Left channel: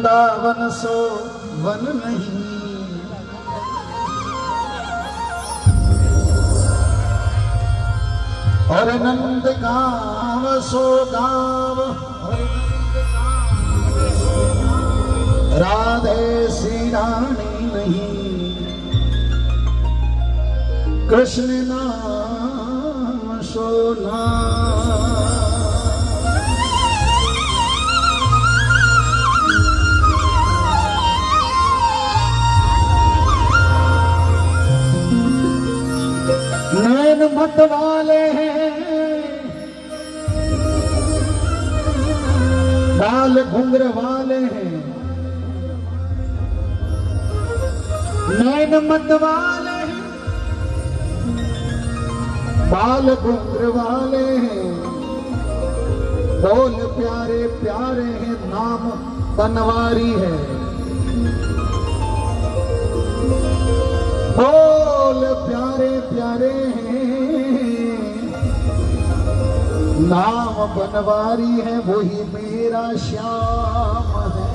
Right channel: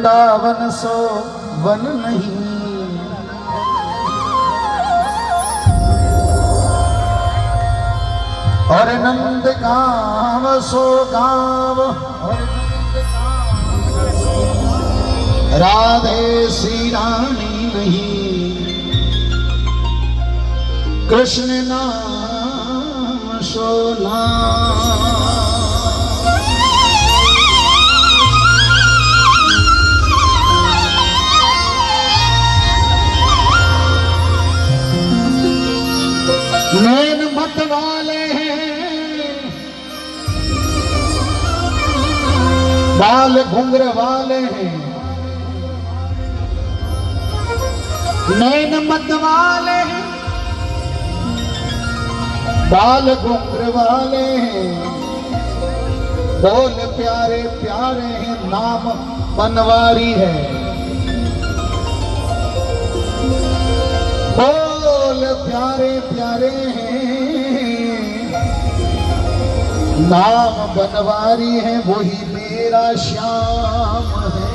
Vrindavan so one नहीं, और नंद गाँव सो गाँव, राधे श्री रानी नहीं, कृष्ण नाम सो नाम। नैन मत वाले हैं, बाल घुंघर वाले हैं, नैन मत वाले हैं, बाल घुंघर वाले हैं, बोल प्यारे प्यारे हैं, नाम बनवारी है, बोल प्यारे प्यारे हैं, नाम बनवारी है, वही मेरा श्याम है,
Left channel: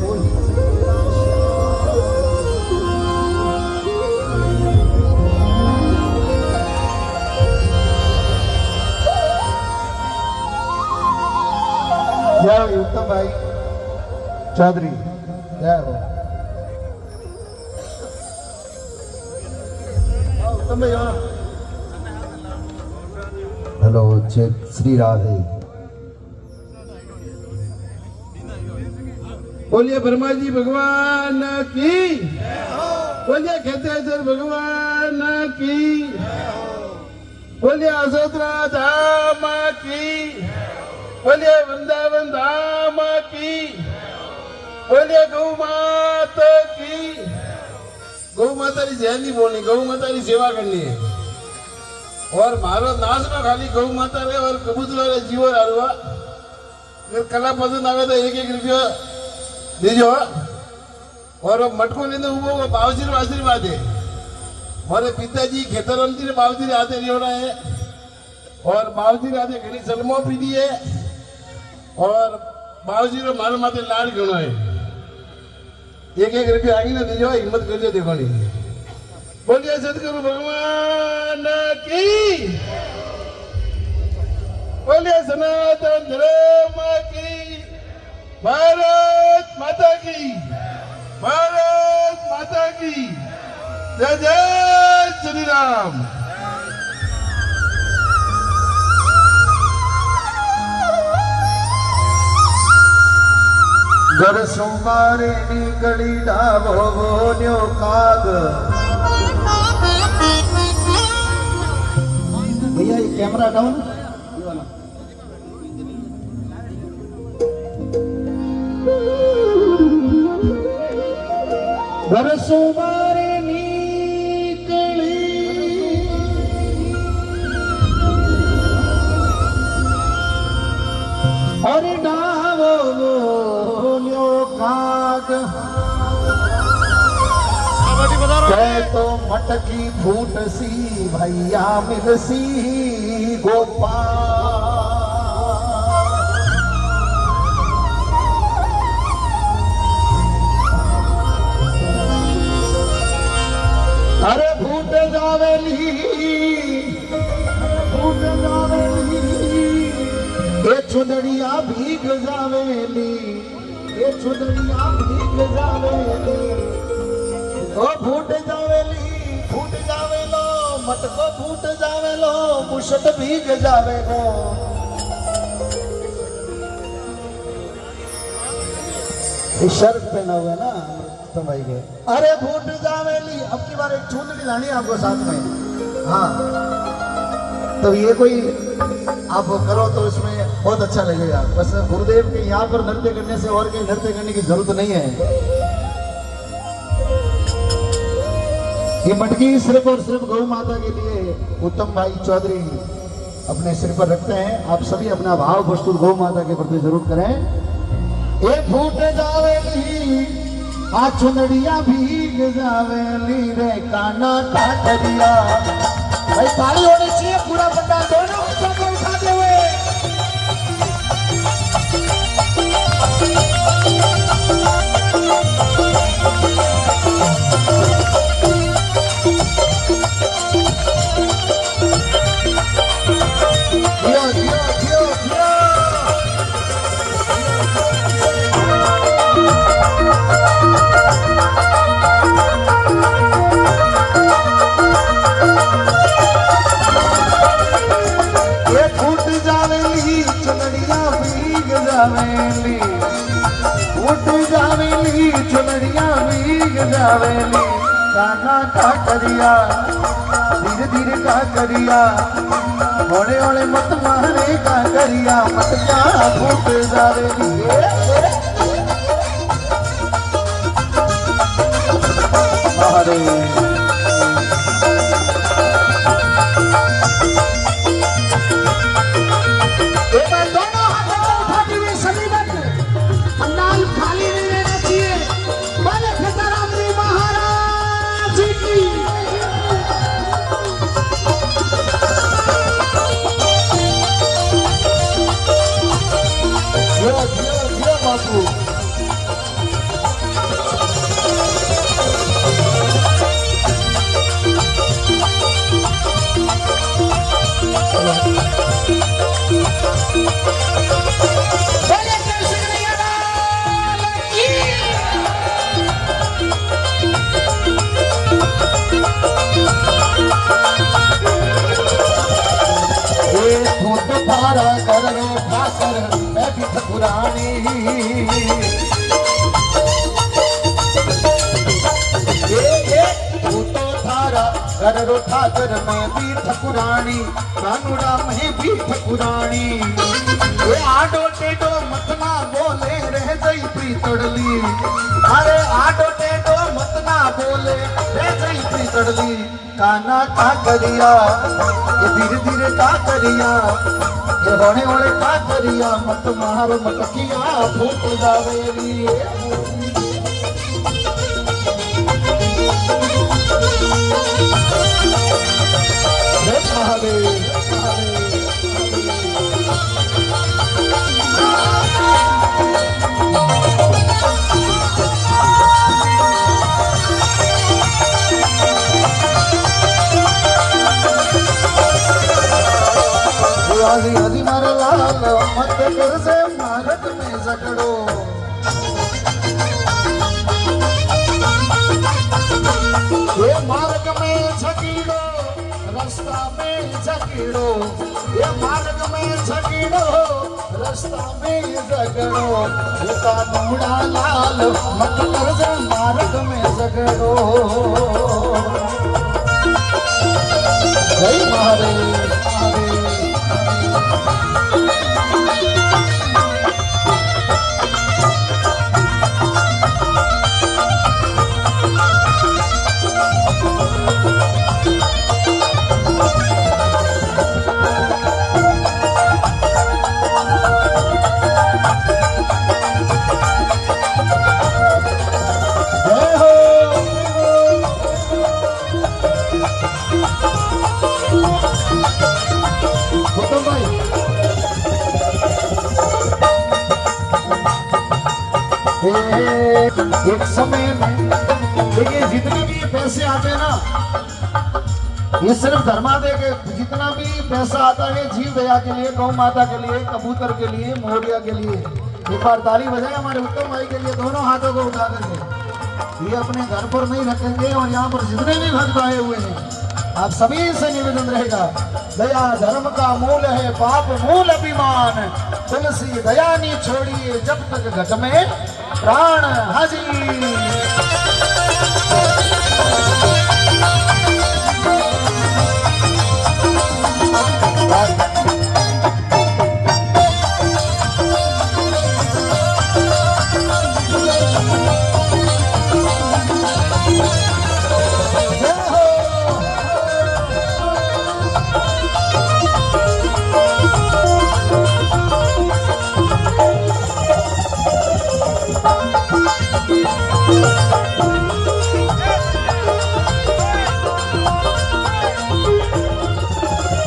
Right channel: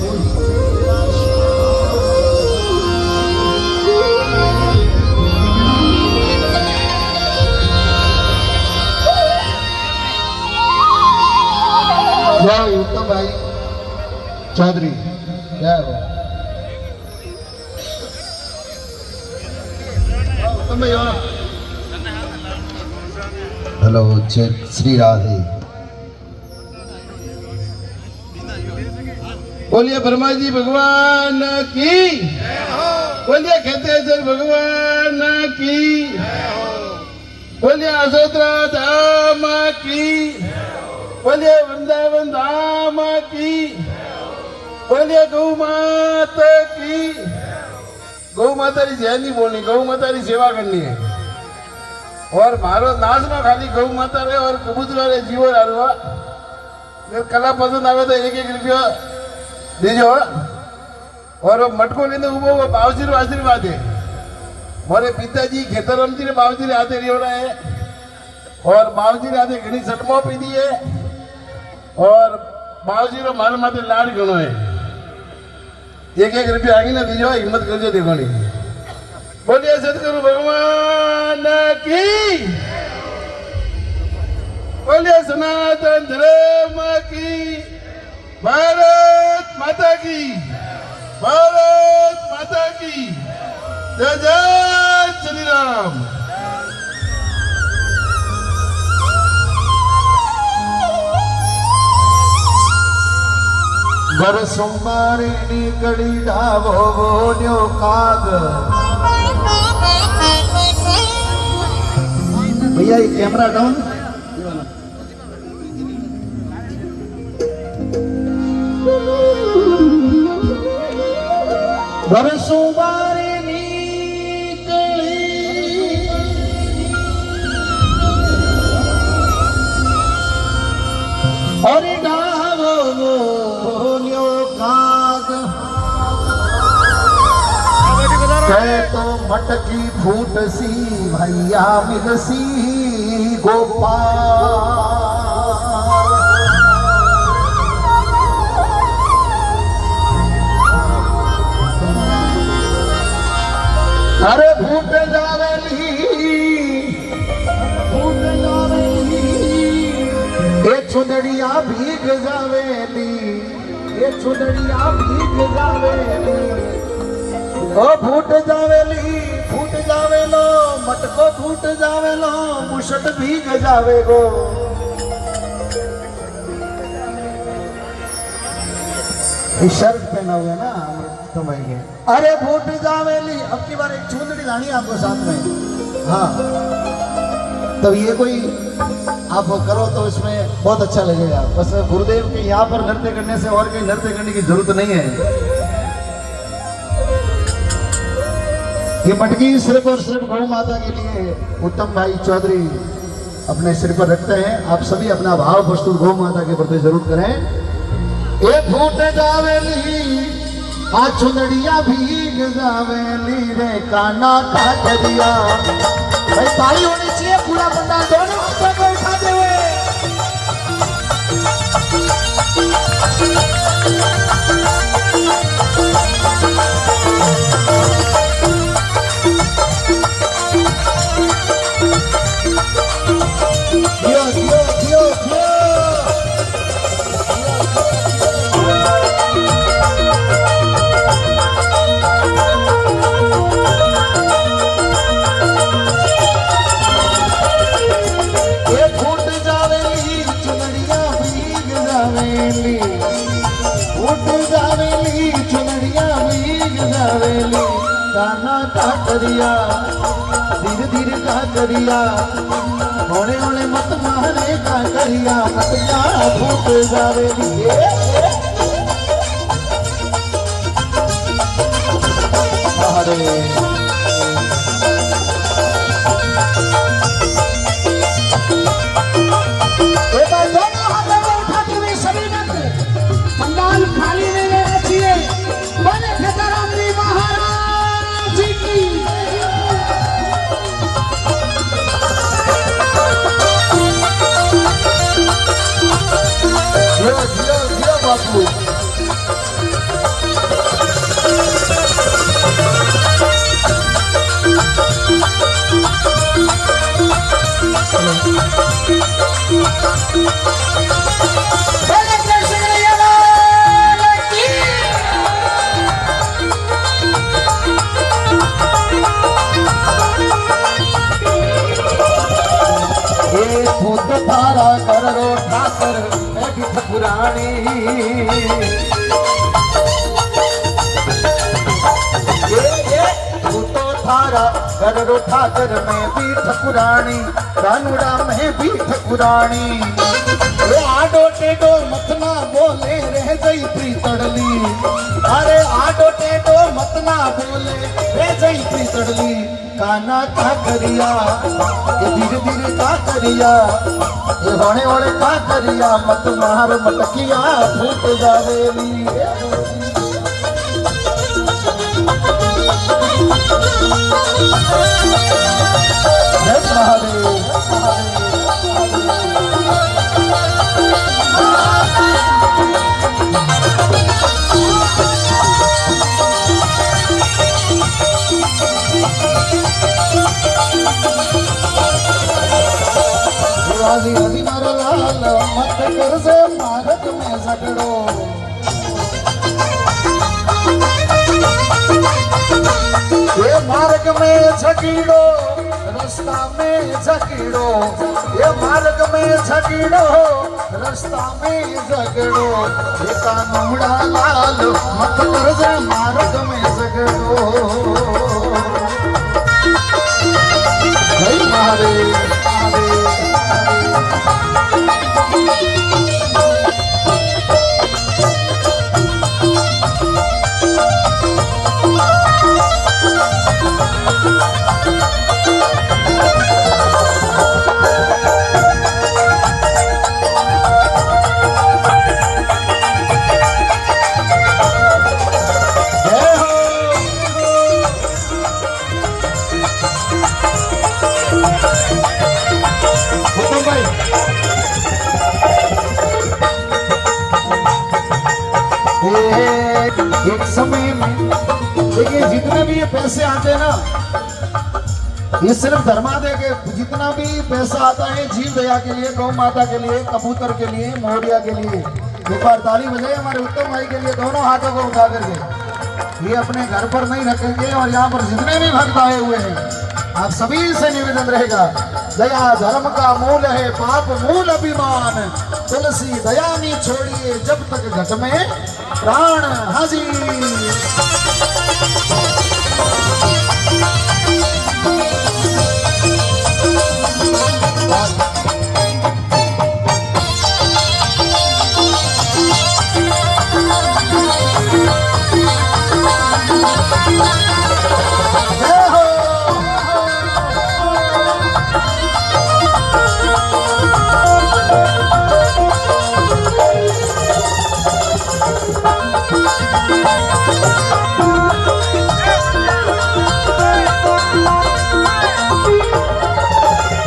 वही मेरा श्याम। उत्तम भाई चौधरी क्या हो हेलो श्री राधे। बोलिए ब्रह्मा जी भगवान की, बोलिए खेतेश्वर भगवान की, बोलिए असोत्रा धाम की, बोलिए वृंदावन धाम की, बोलिए गौ माता की। गौ माता की जय नहीं बोलनी, गौ माता की सेवा करनी है। और मारो नाच में खाली गौ माता रे और कबूतर रे जीवो हारवा। जो कला पसंद आवे तो 1-1 रुपया दीजो। और मटको लेने उबो बावजी रो आशीर्वाद है। मारे पिताजी खेतर रमती ने बावजी रे हाथे रेवड़ा है, और बावजी रे हाथे घणी सलमो पीधी है, और बावजी रो मारे माथे लाड घणो है। 1-1 रुपया आगे ना दीजो, हिम्मत करजो देखोनी। बोलिए सतगुरु भगवान की, बोलिए सनातन धर्म की, भारत माता की, भारत माता की जय जय श्री राम। घर सोमारे निकली डावो बोल्यो काग। भैया ये कैमरा डाउन। घर सोमारे निकली और डावो बोल्यो काग। तो मटकी फूट सी भैया मिलसी गोपाल। अरे फूट जावेली, फूट जावेली, ये चुनरिया भीग जावेली, ये चुनरिया भीग जावेली। ओ फूट जावेली, फूट जावेलो, मटको फूट जावेलो, मुशट भीग जावेगो। शर्ट पहना हुआ ना तो भाई के। अरे फूट जावेली, अब की बार एक चुनरी लानी आपको साथ में। हाँ तो ये कोई आप करो तो इसमें बहुत अच्छा लगेगा। बस गुरुदेव के यहाँ पर नृत्य करने से और कहीं नृत्य करने की जरूरत नहीं है। ये मटकी सिर्फ और सिर्फ गौ माता के लिए उत्तम भाई चौधरी अपने सिर पर रखते हैं। आप सभी अपना भाव प्रस्तुत गौ माता के प्रति जरूर करें। ये फूट जावेली, आ चुनड़िया भीग जावेली रे काना काट दिया। भाई ताली होनी चाहिए, पूरा बंदा दोनों हाथों को उठाते हुए। काना का करिया धीरे धीरे का करिया होने होने मत मारे का करिया मत का फूट जावे अरे सभी वक्त पंडाल खाली नहीं रहना चाहिए। बड़े खतराम जी महाराज जी की जिया बाबू थारा कर ठाकर मैं भी ठकुरानी तू तो थारा कर ठाकर मैं भी ठकुरानी कानूड़ा मैं भी ठकुरानी ये आडो टेडो मतना बोले रह गई थी तड़ली अरे आडो टेडो मतना बोले रह गई थी तड़ली काना का करिया ये धीरे धीरे का करिया ये होने होने का करिया मत मार मटकिया फूट जावेली जय महादेव हरी हरी नर लाल मत कर से मारत में झगड़ो ये मार्ग में झगड़ो रास्ता में झगड़ो ये मार्ग में झगड़ो रास्ता में झगड़ो ये कानूड़ा लाल मत कर से मार्ग में झगड़ो जय महादेव एक समय में देखिए जितने भी ये पैसे आते हैं ना ये सिर्फ धर्मादय के जितना भी पैसा आता है जीव दया के लिए गौ माता के लिए कबूतर के लिए मोहरिया के लिए एक बार ताली बजाए हमारे उत्तम भाई के लिए दोनों हाथों को उठा करके ये अपने घर पर नहीं रखेंगे और यहाँ पर जितने भी भक्त आए हुए हैं आप सभी से निवेदन रहेगा दया धर्म का मूल है पाप मूल अभिमान तुलसी दया नहीं छोड़िए जब तक घट में प्राण हाजी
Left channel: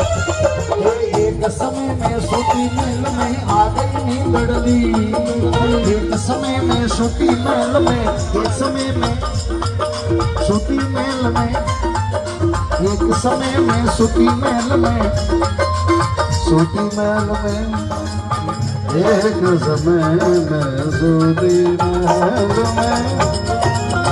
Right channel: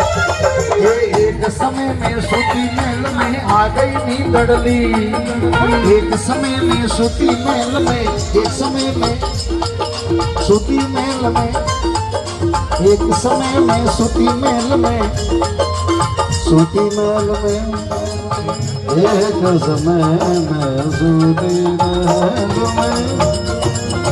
एक समय में सूती मेल में आ गई नींदड़ली एक समय में सूती मेल में एक समय में सूती मेल में एक समय में सूती महल में एक समय में सूती महल में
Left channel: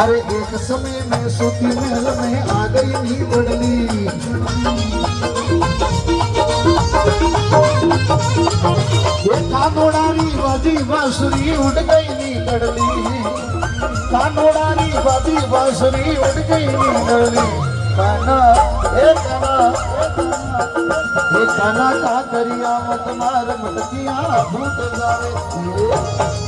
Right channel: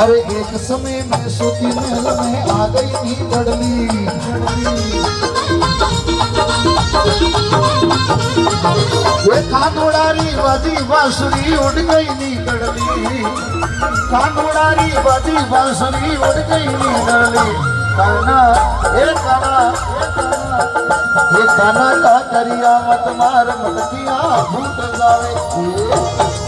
अरे एक समय में सूती महल में आ गई नी बड़ली ये कानूड़ारी बाजी बांसुरी उड़ गई नी कड़ली कानूड़ारी बाजी बांसुरी उड़ गई नी कड़ली काना ये काना का करिया मत मार मटकिया भूत जावे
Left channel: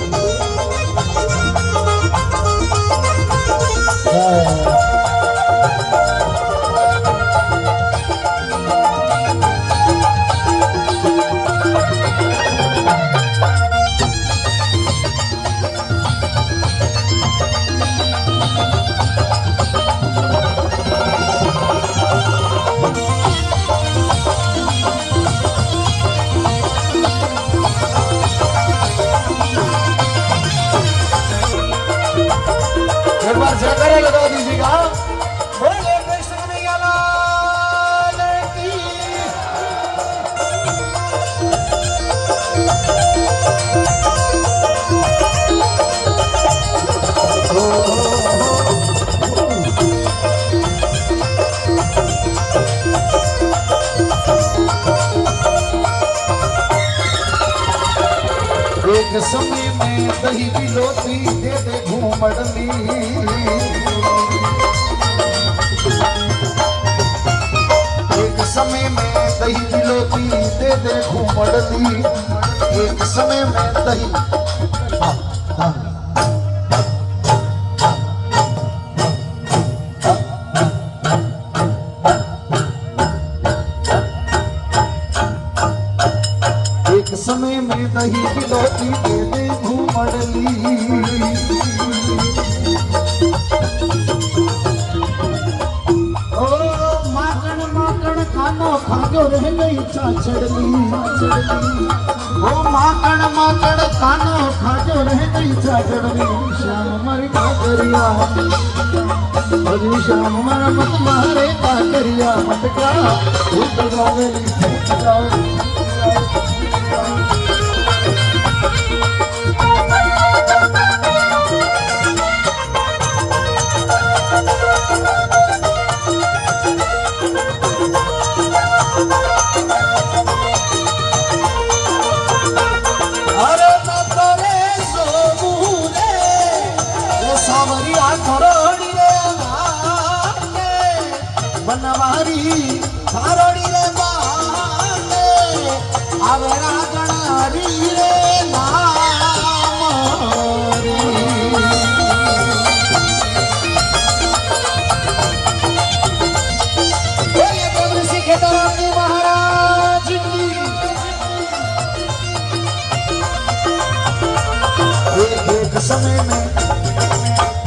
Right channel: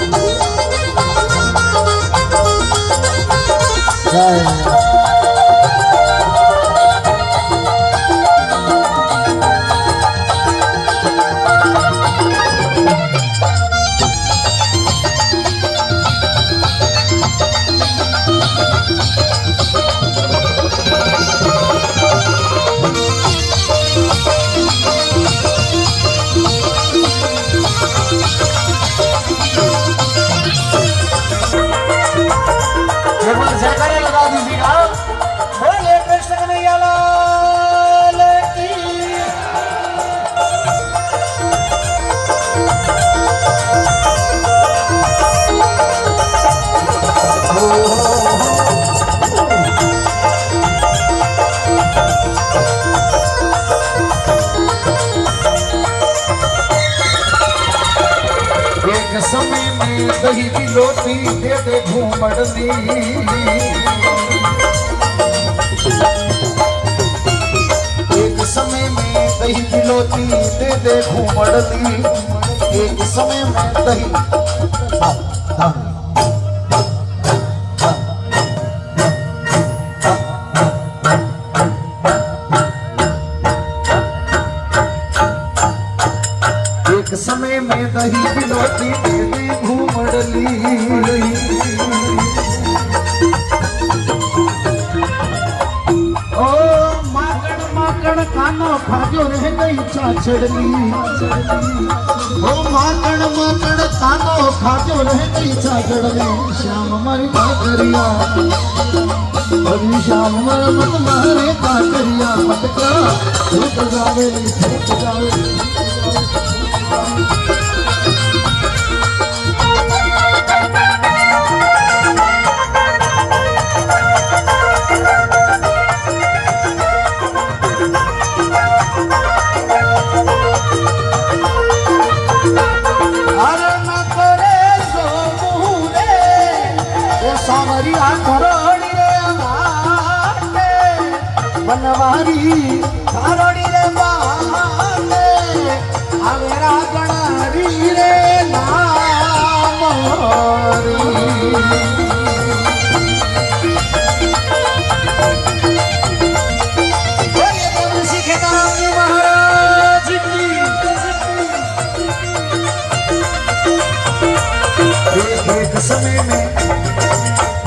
एक बार जयकारा लगा दीजिएगा बोले कृष्ण कन्हैया लाल की एक समय में दही की लोटी दे दे घूमड़नी एक समय में दही की लोटी दे दे घूमड़नी एक समय में दही एक समय में दही की लोटी दे दे घूमड़ली ओ माकड़ माकड़ कानो खाजो रह गई चाचड़ली ओ माकड़ माकड़ कानो खाजो रह गई चाचड़ली श्याम मारी काकरिया हरी श्याम मारा मत मारे काकरिया मटका धूप जावे अरे न करे सो बूरे सावरिया खरोड़ी रे माटे बनवारी खरोड़ी रे माटे अरे राजनारी रे नामरी बोलिए देवऋषि खेताराम जी महाराज की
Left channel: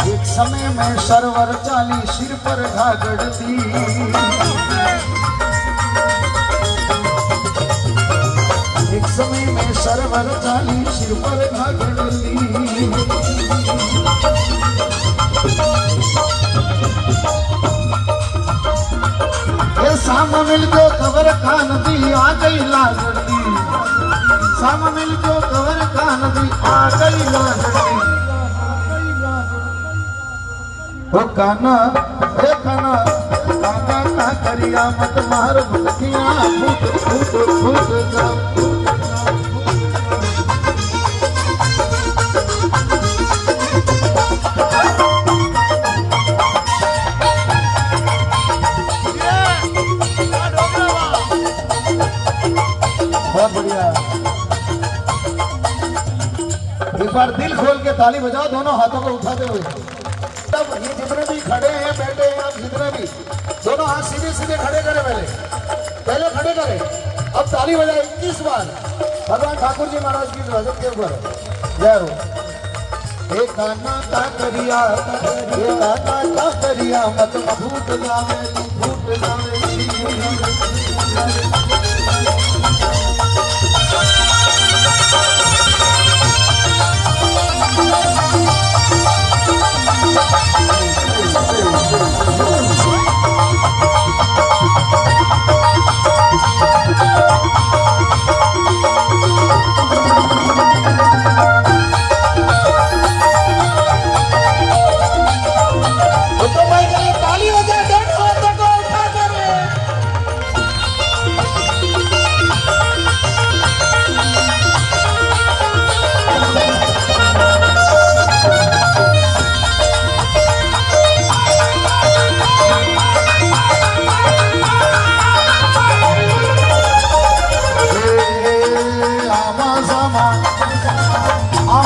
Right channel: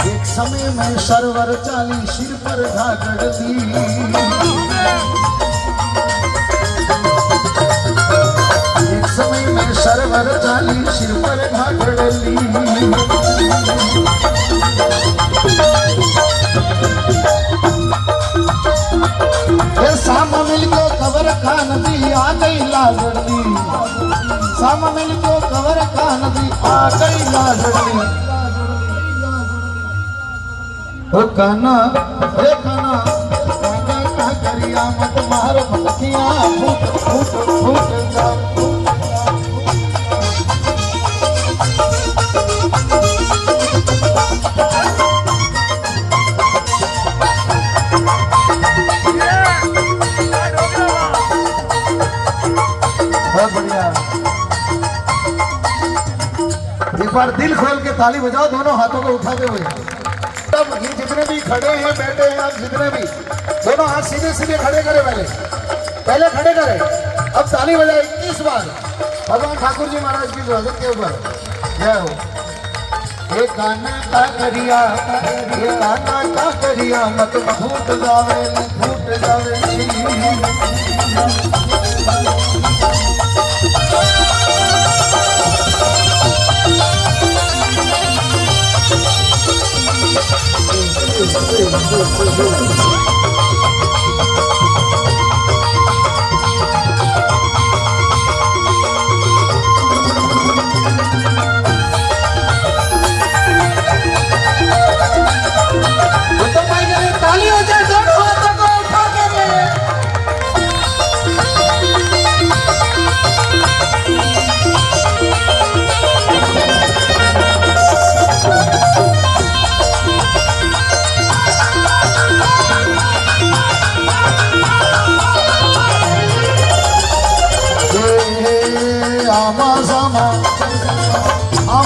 एक समय में सरवर चाली सिर पर घागड़ती एक समय में सरवर चाली सिर पर घागड़ली फिर शाम मिल को खबर खान दी आ गई लागड़ती शाम मिल को खबर खान दी आ गई लागड़ती ओ काना काना का करिया मत मार भटकिया फूट फूट फूट जा बहुत बढ़िया एक बार दिल खोल के ताली बजाओ दोनों हाथों को उठाते हुए तब ये जितने भी खड़े हैं बैठे हैं आप जितने भी दोनों हाथ सीधे सीधे खड़े करें पहले खड़े करें अब ताली बजाए 21 बार भगवान ठाकुर जी महाराज की स्वागत के ऊपर जय हो एक काना का करिया मत फूट जावे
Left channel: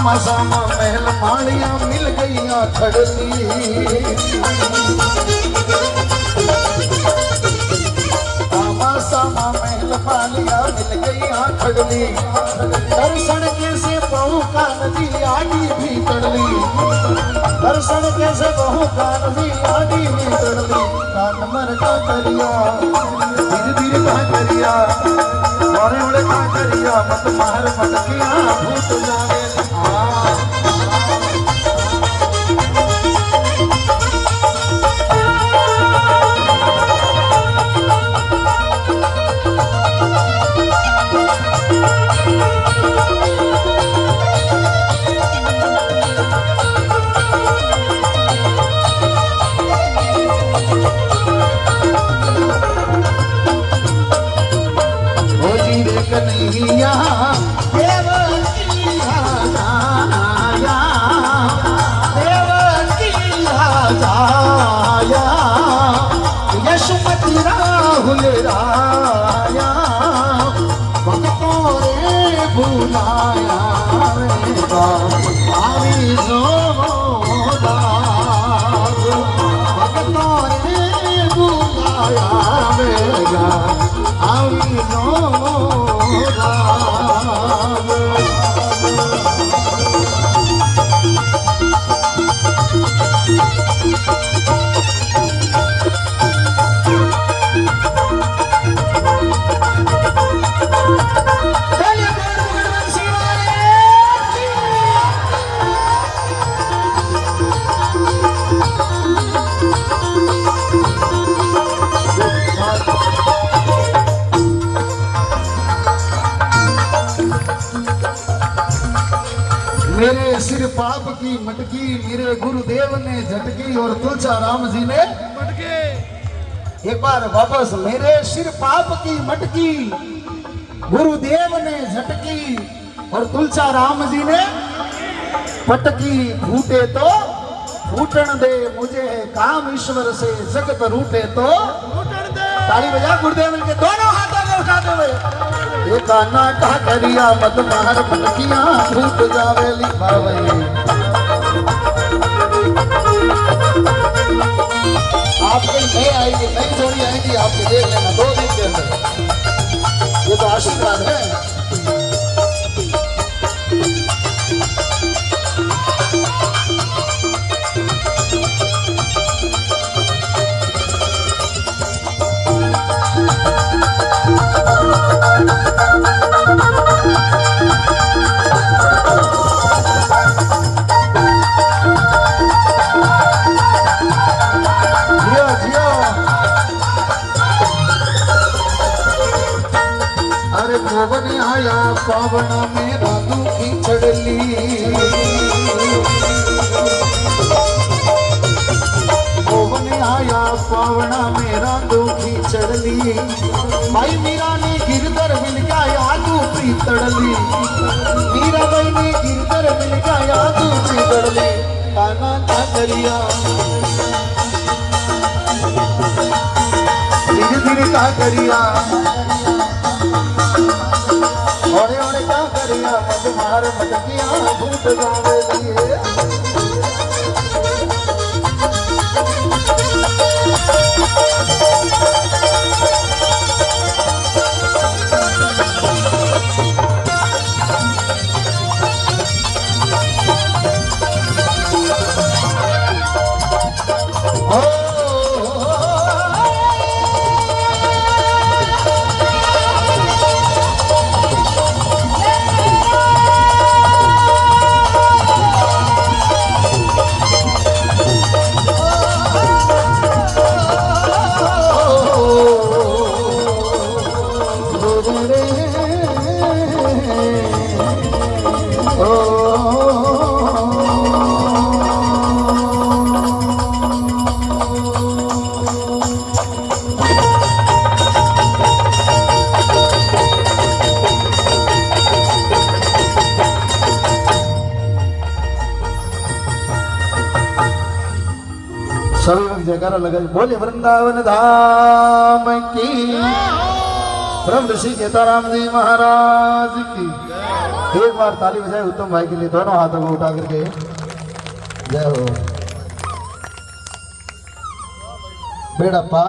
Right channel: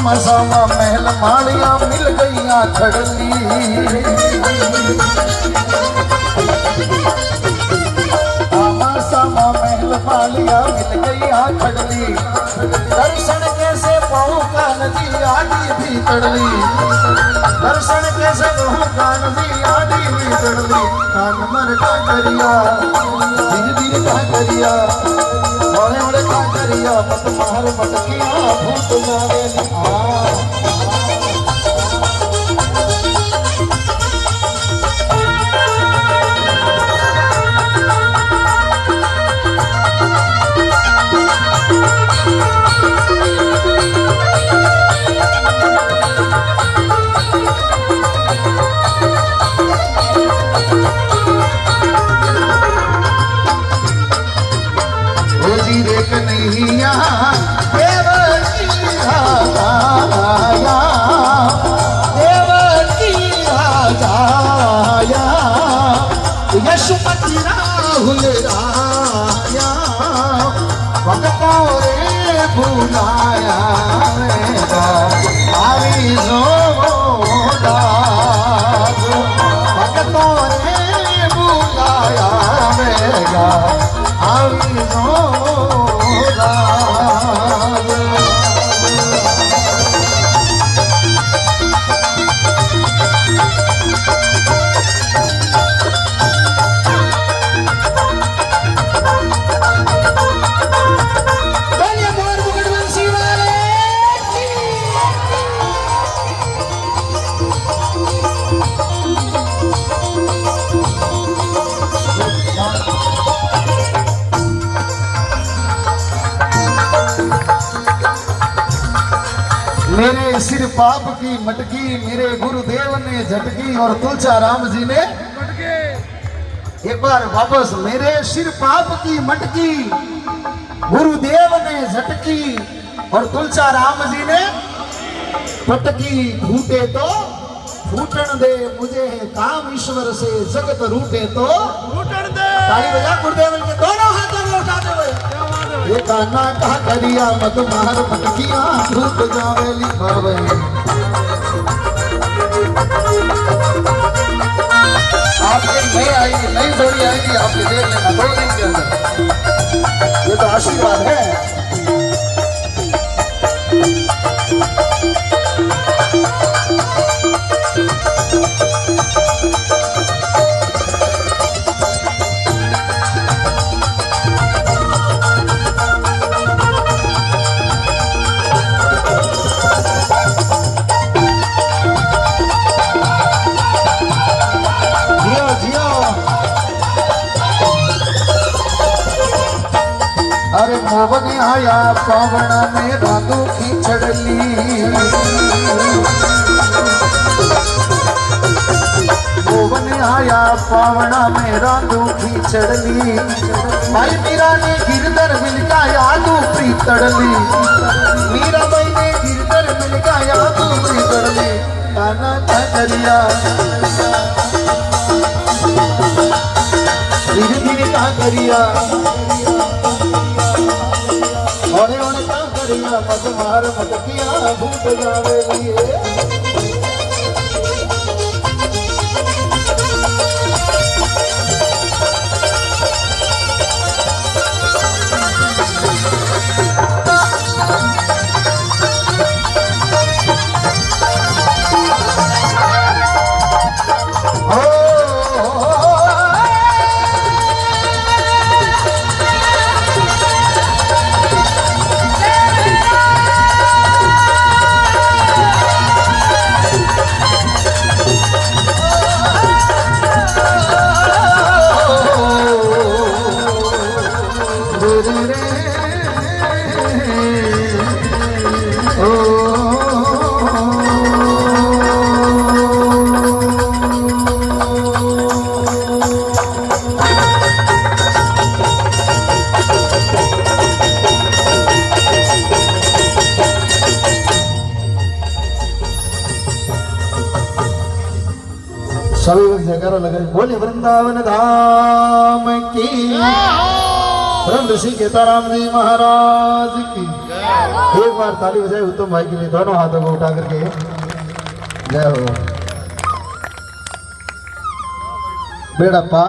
सामा सामा महल मालिया मिल गईया खड़ली सामा सामा महल मालिया मिल गईया खड़ली दर्शन कैसे बहु का नदी आड़ी भी तड़ली दर्शन कैसे बहु का नदी आड़ी भी तड़ली कान मर का करिया धीरे धीरे का करिया और उड़े का करिया मत मार मटकिया भूत जावेली कन्हैया देवकी राजाया देवकी राजाया यशमती राहुल राया वक्ता रे बुलाया मेरा आवी जोदार वक्ता रे बुलाया मेरा आवी मेरे सिर पाप की मटकी मेरे गुरुदेव ने झटकी और तुलसा राम जी ने एक बार वापस मेरे सिर पाप की मटकी गुरुदेव ने झटकी और तुलसा राम जी ने पटकी फूटे तो फूटन दे मुझे काम ईश्वर से जगत रूटे तो फूटन दे ताली बजा गुरुदेव के दोनों हाथों में उठाते हुए एक आना का करिया मत मार पटकियां फूट जावेली बावई आपके नई आएगी नई जोड़ी आएगी आपके देख लेना 2 दिन के अंदर ये तो आशीर्वाद है अरे मोवन आया पावण में राधू की चढ़ली मोवन आया पावण में राधू की चढ़ली माई मीरा ने गिरधर मिलका यादू प्री तड़ली मीरा बाई ने गिरधर मिलका यादू प्री तड़ली काना करिया धीरे धीरे का करिया और क्या करिया मत मार मटकिया भूत जावेली सभी जयकारा लगा बोले वृंदावन धाम की परम ऋषि केताराम जी महाराज की एक बार ताली बजाए उत्तम भाई के लिए, दोनों हाथों को उठा करके जय हो। बेड़ा पार।